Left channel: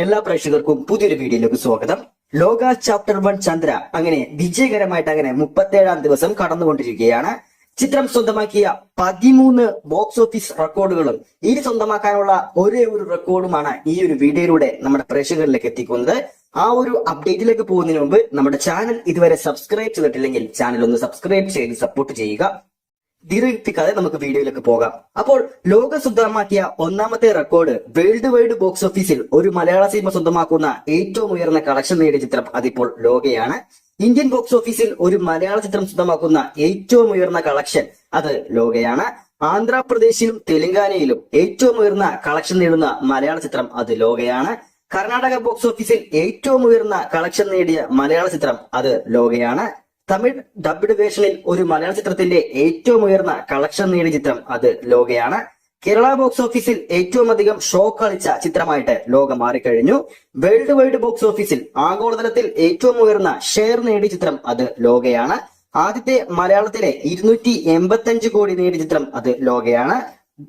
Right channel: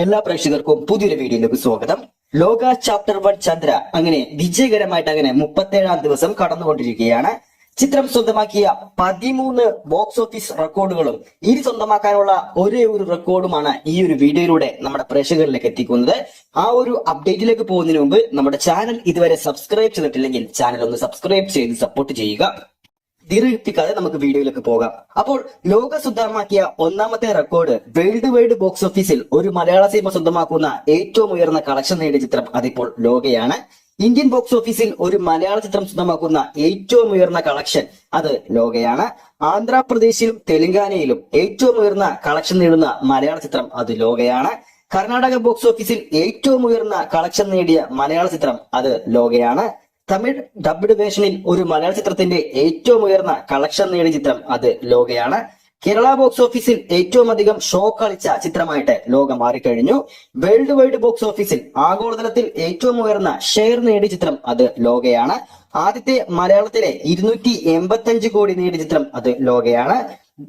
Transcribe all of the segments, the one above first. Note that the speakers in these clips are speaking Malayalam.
എല്ലാ പ്രേക്ഷകർക്കും പുതിയൊരു വീഡിയോയിലേക്ക് സ്വാഗതം. ലോക ചാപ്റ്റർ 1 ചന്ദ്ര അങ്ങനെ വിജയകരമായിട്ട് അങ്ങനെ 37ാം ദിവസം കടന്നുകൊണ്ടിരിക്കുകയാണ്. ചിത്രം സ്വന്തമാക്കിയ 13 ബോക്സ് ഓഫീസ് റെക്കോർഡുകളും ഇനി സ്വന്തമാക്കാനുള്ള ഒരേ ഒരു റെക്കോർഡുമാണ് ഈ ഒരു വീഡിയോയിലൂടെ നമ്മുടെ പ്രേക്ഷകരിലേക്ക് എത്തിക്കുന്നത്. ആ ഒരു അപ്ഡേറ്റിലേക്ക് പോകുന്നതിന് മുമ്പ് നമ്മുടെ ചാനൽ ഇതുവരെ സബ്സ്ക്രൈബ് ചെയ്തിട്ടില്ലെങ്കിൽ ചാനൽ ഒന്ന് സബ്സ്ക്രൈബ് ചെയ്ത് സപ്പോർട്ട് ചെയ്യുക. ദീർഘിപ്പിക്കാതെ നമുക്ക് വീഡിയോയിലേക്ക് പോകാം. അപ്പോൾ ലോക സ്വന്തമാക്കിയ ഒന്നാമത്തെ റെക്കോർഡ് വേൾഡ് വൈഡ് ബോക്സ് ഓഫീസിൽ ഒരു മലയാള സിനിമ സ്വന്തമാക്കുന്ന ഏറ്റവും ഉയർന്ന കളക്ഷൻ നേടിയ ചിത്രം അതിപ്പോൾ ലോകയാണ്. ഇന്ത്യൻ ബോക്സ് ഓഫീസിൽ ഒരു മലയാള ചിത്രം സ്വന്തമാക്കുന്ന ഏറ്റവും ഉയർന്ന കളക്ഷൻ അത് ലോകയാണ്. ആന്ധ്രാപ്രദേശിലും തെലങ്കാനയിലും ഏറ്റവും ഉയർന്ന കളക്ഷൻ നേടുന്ന മലയാള ചിത്രം അത് ലോകയാണ്. കർണാടക ബോക്സ് ഓഫീസിൽ ഏറ്റവും ഉയർന്ന കളക്ഷൻ നേടിയ മലയാള ചിത്രം അത് ലോകയാണ്. തമിഴ് ഡബ്ഡ് വേർഷനിൽ ഒരു മലയാള ചിത്രത്തിന്റെ ഏറ്റവും ഉയർന്ന കളക്ഷൻ നേടിയ ചിത്രം അത് ലോകയാണ്. കേരള ബോക്സ് ഓഫീസിൽ ഏറ്റവും അധികം ഷോ കളിച്ച ചിത്രമായിട്ട് ലോക മാറിക്കഴിഞ്ഞു. വേൾഡ് വൈഡ് ബോക്സ് ഓഫീസിൽ ആഗോളതലത്തിൽ ഏറ്റവും ഉയർന്ന ഷെയർ നേടിയ ചിത്രം അത് ലോകയാണ്. ആദ്യത്തെ മലയാളത്തിലെ 285 കോടി നേടിയ ചിത്രം അത് ലോകയാണ്.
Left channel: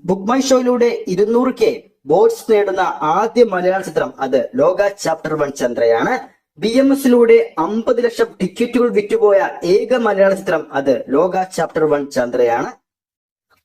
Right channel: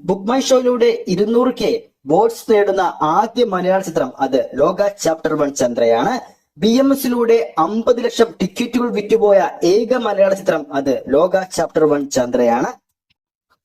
ബുക്ക് മൈ ഷോയിലൂടെ 200K വോട്ട്സ് നേടുന്ന ആദ്യ മലയാള ചിത്രം അത് ലോക ചാപ്റ്റർ 1 ചന്ദ്രയാണ്. BMSലൂടെ 50 ലക്ഷം ടിക്കറ്റുകൾ വിറ്റുപോയ ഏക മലയാള ചിത്രം അത് ലോക ചാപ്റ്റർ 1 ചന്ദ്രയാണ്.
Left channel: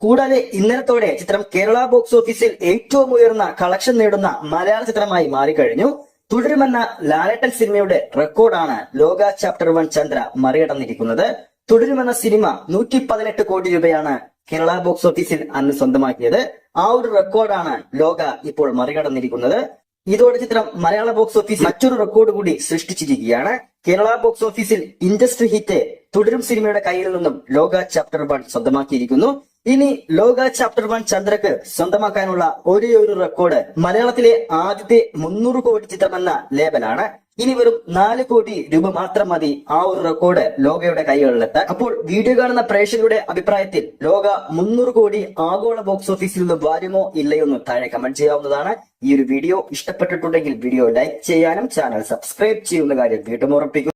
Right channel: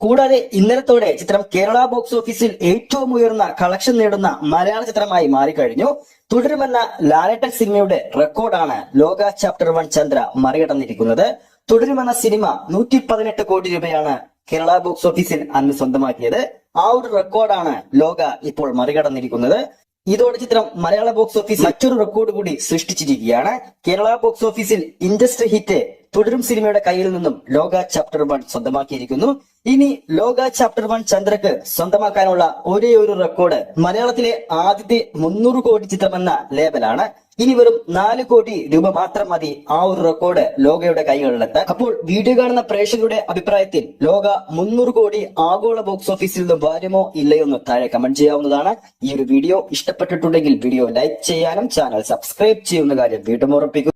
കൂടാതെ ഇന്നലത്തോടെ ചിത്രം കേരള ബോക്സ് ഓഫീസിൽ ഏറ്റവും ഉയർന്ന കളക്ഷൻ നേടുന്ന മലയാള ചിത്രമായി മാറിക്കഴിഞ്ഞു. തുടരുമെന്ന ലാലേട്ടൻ സിനിമയുടെ റെക്കോർഡാണ് ലോക ചാപ്റ്റർ 1 ചന്ദ്ര മറികടന്നിരിക്കുന്നത്. തുടരുമെന്ന സിനിമ 118 കോടി രൂപയാണ് കേരള ബോക്സ് ഓഫീസിൽ അന്ന് സ്വന്തമാക്കിയത്. ആ ഒരു റെക്കോർഡാണ് ലോക ഇപ്പോൾ മറികടന്നിരിക്കുന്നത്. ഇതോടെ ചിത്രം മലയാള ബോക്സ് ഓഫീസിൽ മറ്റൊരു റെക്കോർഡ് കൂടി സൃഷ്ടിച്ചിരിക്കുകയാണ്. കേരള ബോക്സ് ഓഫീസിൽ ഇൻഡസ്ട്രി ഹിറ്റ് തുടരും സിനിമയുടെ കയ്യിൽ നിന്നും ലോക ചാപ്റ്റർ 1 സ്വന്തമാക്കിയിരിക്കുന്നു. ഇനി ലോക ചാപ്റ്റർ 1 ചന്ദ്രക്ക് സ്വന്തമാക്കാനുള്ള ഒരേ ഒരു റെക്കോർഡ് മലയാളത്തിലെ ആദ്യത്തെ 300 കോടി ചിത്രമെന്ന ലേബലാണ്. ഇനി വെറും 4 കോടി രൂപ മാത്രം മതി ആ ഒരു റെക്കോർഡ് ലോകയുടെ കൈകളിലെത്താൻ. അപ്പോൾ വീഡിയോ കാണുന്ന പ്രേക്ഷകരുടെ അഭിപ്രായത്തിൽ ലോക 300 കോടി ആഗോള ബോക്സ് ഓഫീസിൽ നിന്ന് വരുമോ ഇല്ലയോ എന്ന് താഴെ കമന്റ് ചെയ്യാവുന്നതാണ്. ഈ ഒരു വീഡിയോ ഇഷ്ടപ്പെട്ടിട്ടുണ്ടെങ്കിൽ വീഡിയോ ലൈക്ക് ചെയ്യാനും ചാനൽ സബ്സ്ക്രൈബ് ചെയ്യുന്ന കാര്യം വീണ്ടും ഉറപ്പിക്കും.